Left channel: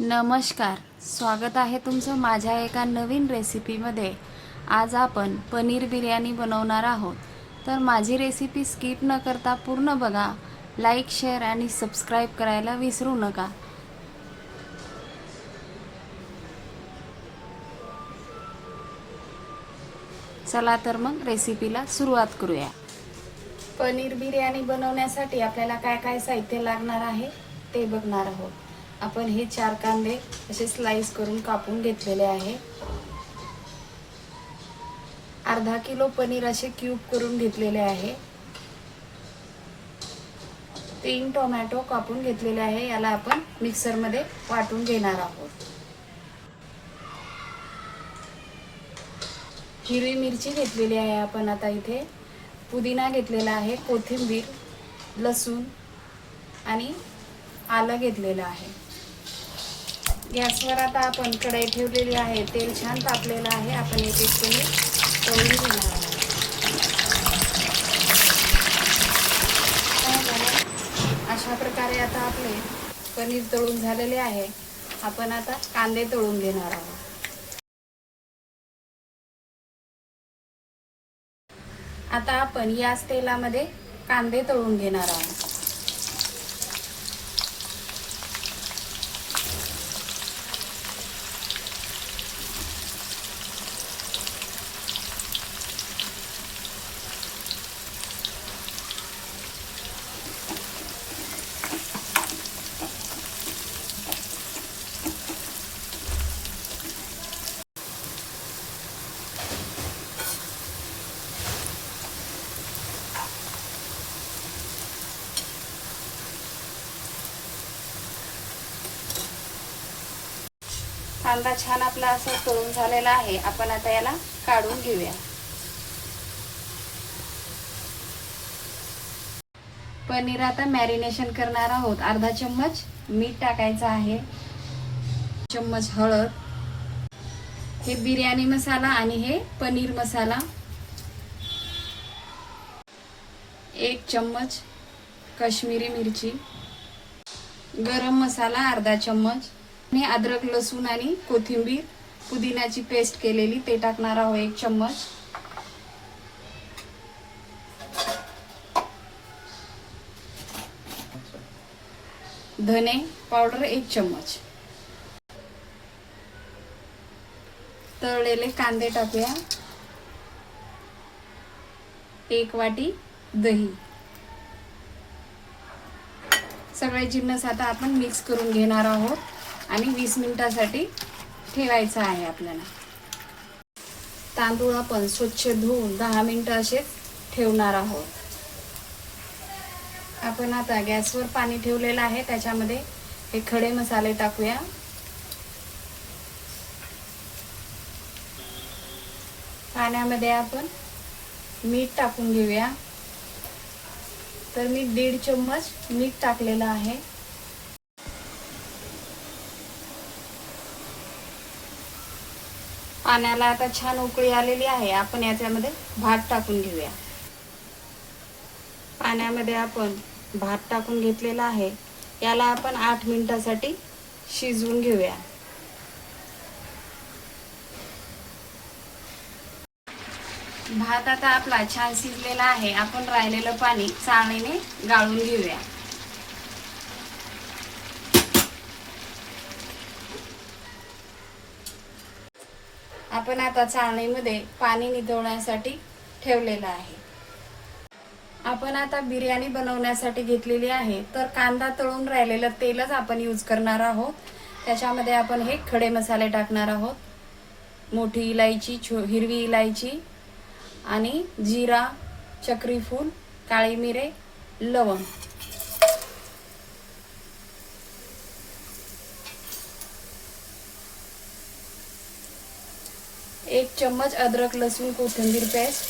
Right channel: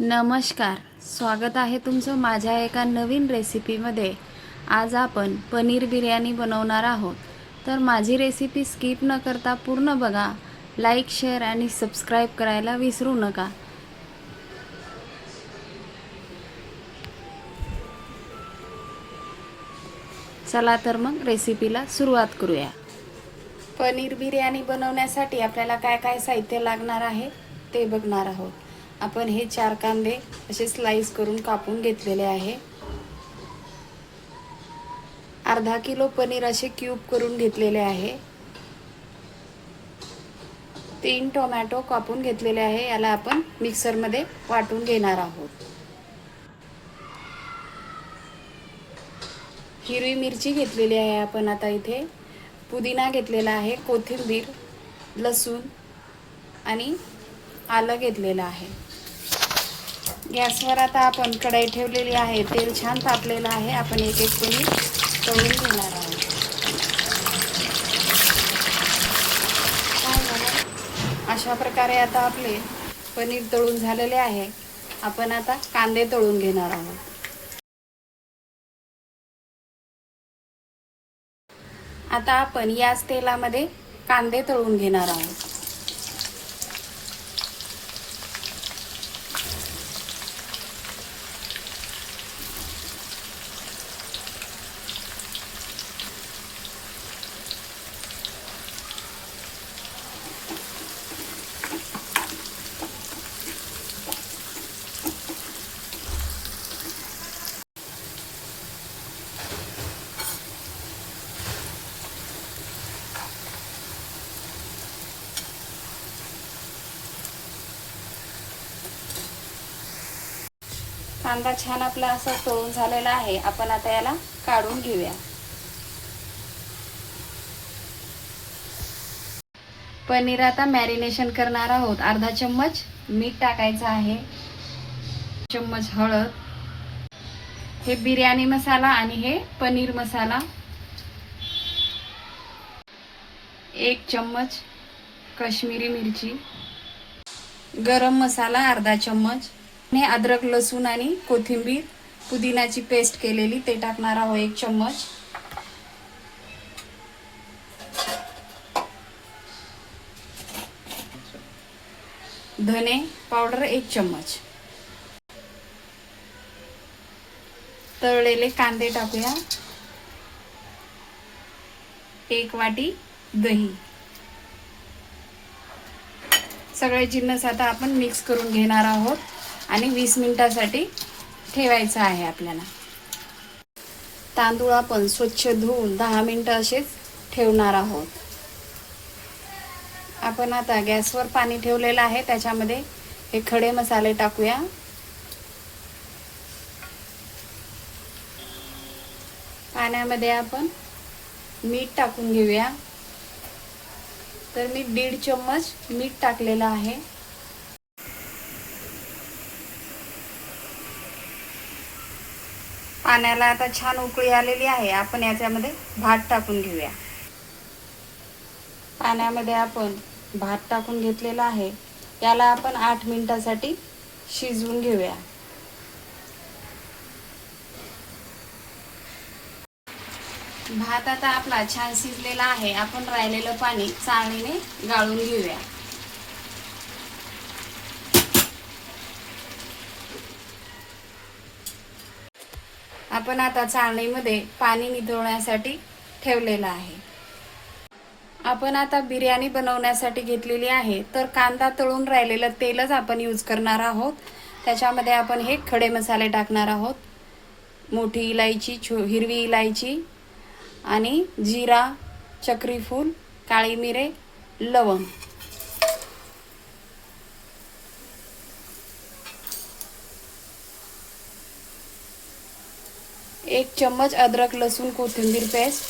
नमस्कार, स्वागत आहे तुमचं माझ्या एका नवीन रेसिपीमध्ये। आज आपण पनीर बिर्याणी बनवणार आहोत, तर माझी रेसिपी स्किप न करता पूर्ण बघा। लाईक, शेअर आणि सबस्क्राईब करायला विसरू नका। चला तर मग रेसिपीला सुरुवात करूया। पनीर बिर्याणी बनवण्यासाठी आपल्याला काय काय साहित्य लागणार आहे ते बघणार आहोत। आपण हे 4 कांदे असे स्लाइस करून कापून घेतलेले आहे। अर्धा किलो पनीर असे क्यूब करून घेतलेले आहे। 3 टोमॅटो कापून घेतलेले आहे, याला आपण मिक्सर मध्ये वाटून घेणार आहोत। हिरवी मिरची घेतलेली आहे आपण आता इथे। पुदिना घेतलेला आहे, कोथिंबीर, लसूण आणि आलं घेतलेलं आहे। गॅसवर आता आपण कढई ठेवलेली आहे, तेल छान तापलेलं आहे। आपण एक एक पनीर तळून घेणार आहोत। अशा प्रकारे आता आपले पनीर तळून झालेले आहे। आपण आता कांदे तळून घेणार आहोत। आता आपण याच तेलामध्ये कांदे तळून घेणार आहोत। कांदा छान आपला असा तळून झालेला आहे। आपण आता याला काढून घेऊया। पनीर आता मॅरिनेशन करणार आहोत। अर्धा चम्मच मीठ टाकायचं आहे, चम्मच हळद, हे बिर्याणी मसाला आणि हे पनीर मसाला, 1 चम्मच काश्मीरी मिरची, गरम मसाला अर्धा चम्मच, हे अद्रक, लसूण आणि कोथिंबीर, पुदिनाची पेस्ट केलेली ते टाकणार आहोत 1 चम्मच, धने पावडर 1 चम्मच, तळलेले कांदे टाकूया, 1 वाटी दही। सगळे जिन्नस आता आपण मिक्स करून घेणार आहोत आणि 20 मिनिटांसाठी ठेवायचं आहे आपल्याला। तांदूळ आपण स्वच्छ धुवून 10 मिनिटं असेच ठेवणार आहोत। आपण आता गॅसवर पाणी ठेवलेलं आहे, त्याच्यामध्ये हे खडे मसाले टाकूया। पाण्यामध्ये आपण मीठ टाकून घेऊया। तर मी 1.5 चम्मच मीठ टाकलेलं आहे। पाण्याला आता छान उकळी आलेली आहे। आपण याच्यामध्ये भात टाकून घेऊया। पाण्यामध्ये आपण भात टाकून घेतलेला आहे, याला आपण 8 मिनिटांसाठी शिजवून घेऊया। भात आता आपला छान शिजलेला आहे। आपण राहिलेलं पाणी चाळणीने गाळून घेऊया। आपण आता चाळणीमध्ये पाणी निथळण्यासाठी ठेवलेलं आहे। आपण आता बिर्याणी बनवण्यासाठी घेतलेली आहे, तर कांदा तळून राहिलेलं तेलच आपण यूज करणार आहोत। त्याच्यामध्ये आपण हे खडे मसाले टाकणार आहोत। मोठी इलायची, हिरवी इलायची आणि जीरा, चक्री फूल, काळी मिरे, लवंग, 1 चम्मच अद्रक, लसूण, कोथिंबीर पेस्ट,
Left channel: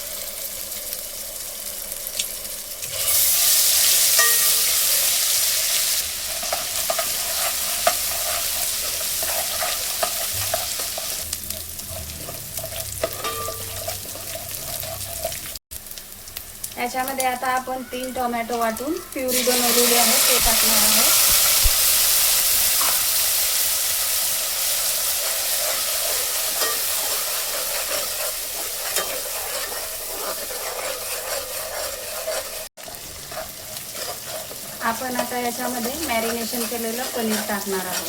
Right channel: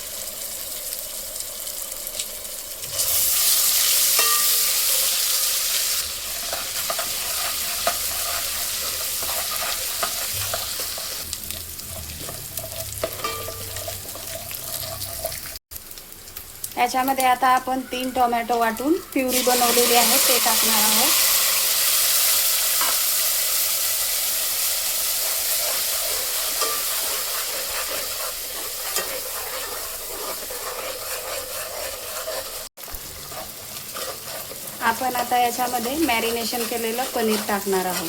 याच्यामध्ये आता आपण 3 टोमॅटो वाटून प्युरी बनवलेली आहे ते टाकणार आहोत। याच्यामध्ये मॅरिनेशन केलेलं पनीर टाकणार आहे.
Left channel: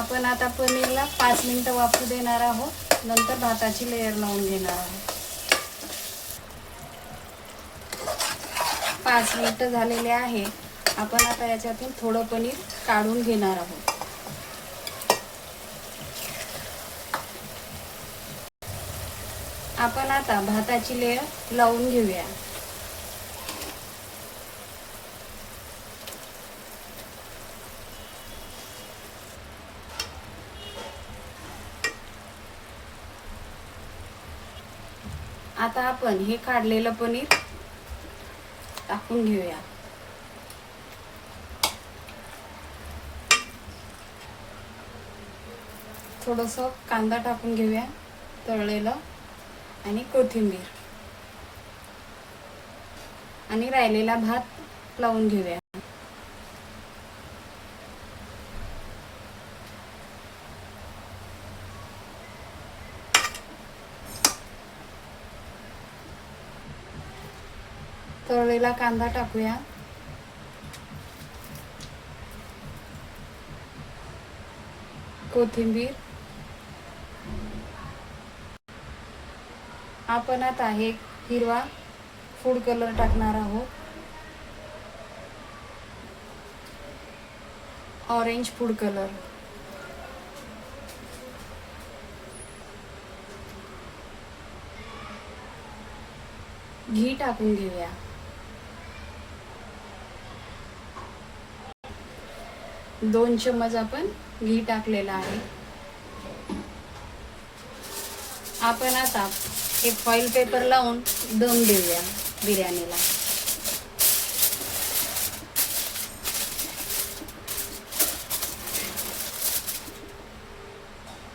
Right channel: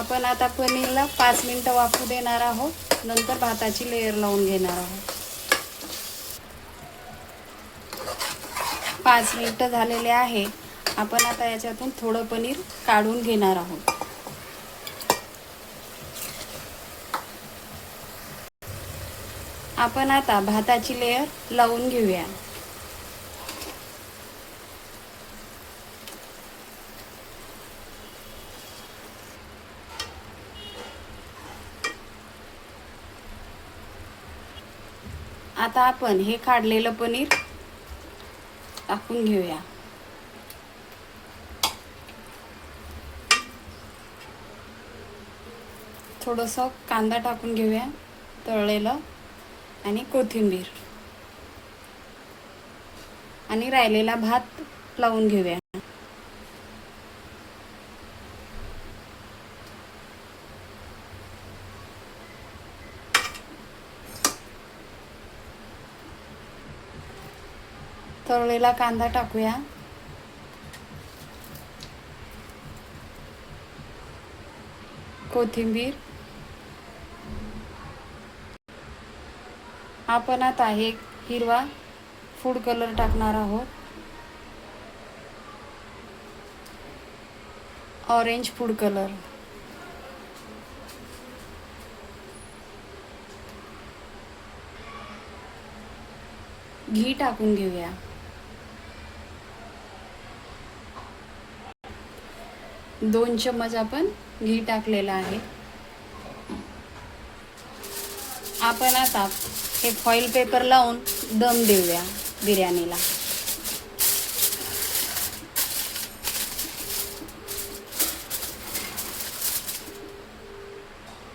आपण आता पनीरला 5 मिनिटं वाफू देणार आहोत. नंतर भाताची लेयर लावून घेणार आहोत. 5 मिनिटं झालेले आहे. आपण आता याच्यातून थोडं पनीर काढून घेणार आहोत. आपण आता भाताची लेयर लावून घेऊया. आता आपण हे काढलेलं पनीर टाकून घेऊया. थोडंसं कांदा टाकून घेऊया तळलेलं आणि कोथिंबीर आणि राहिलेला भात लावून घेऊया. तळलेला कांदा टाकूया. कोथिंबीर. आपण आता हे हिरवा फूड कलर टाकणार आहोत. Orange food colour. घी टाकून घेऊया. 2 चम्मच आपण घी टाकलेलं आहे. आपण आता हे फॉइल पेपर लावून दम देऊया बिर्याणीला.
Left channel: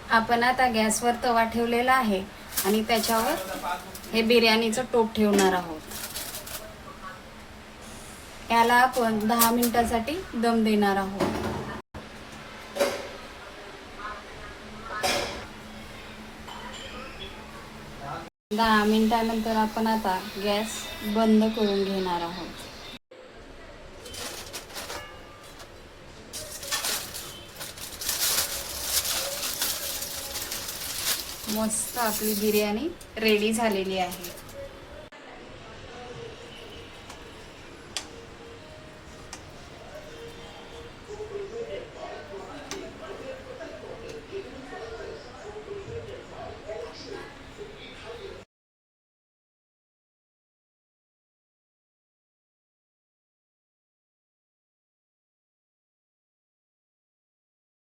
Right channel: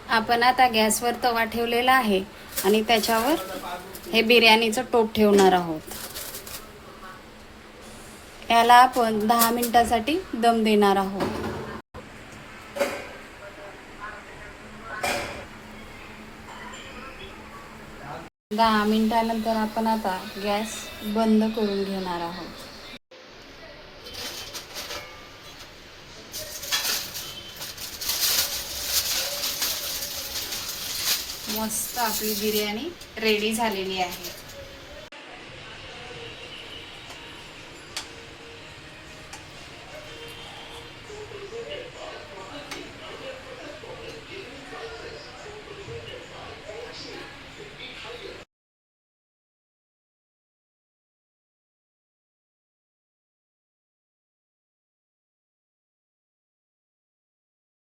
आपण आता गॅसवर तवा ठेवलेला आहे आणि त्याच्यावर हे बिर्याणीचं टोप ठेवणार आहोत. याला आपण 10 मिनिटासाठी दम देणार आहोत. 10 मिनिटानंतर आपण आता गॅस बंद करून घेणार आहोत. मस्त आपली बिर्याणी रेडी झालेली आहे.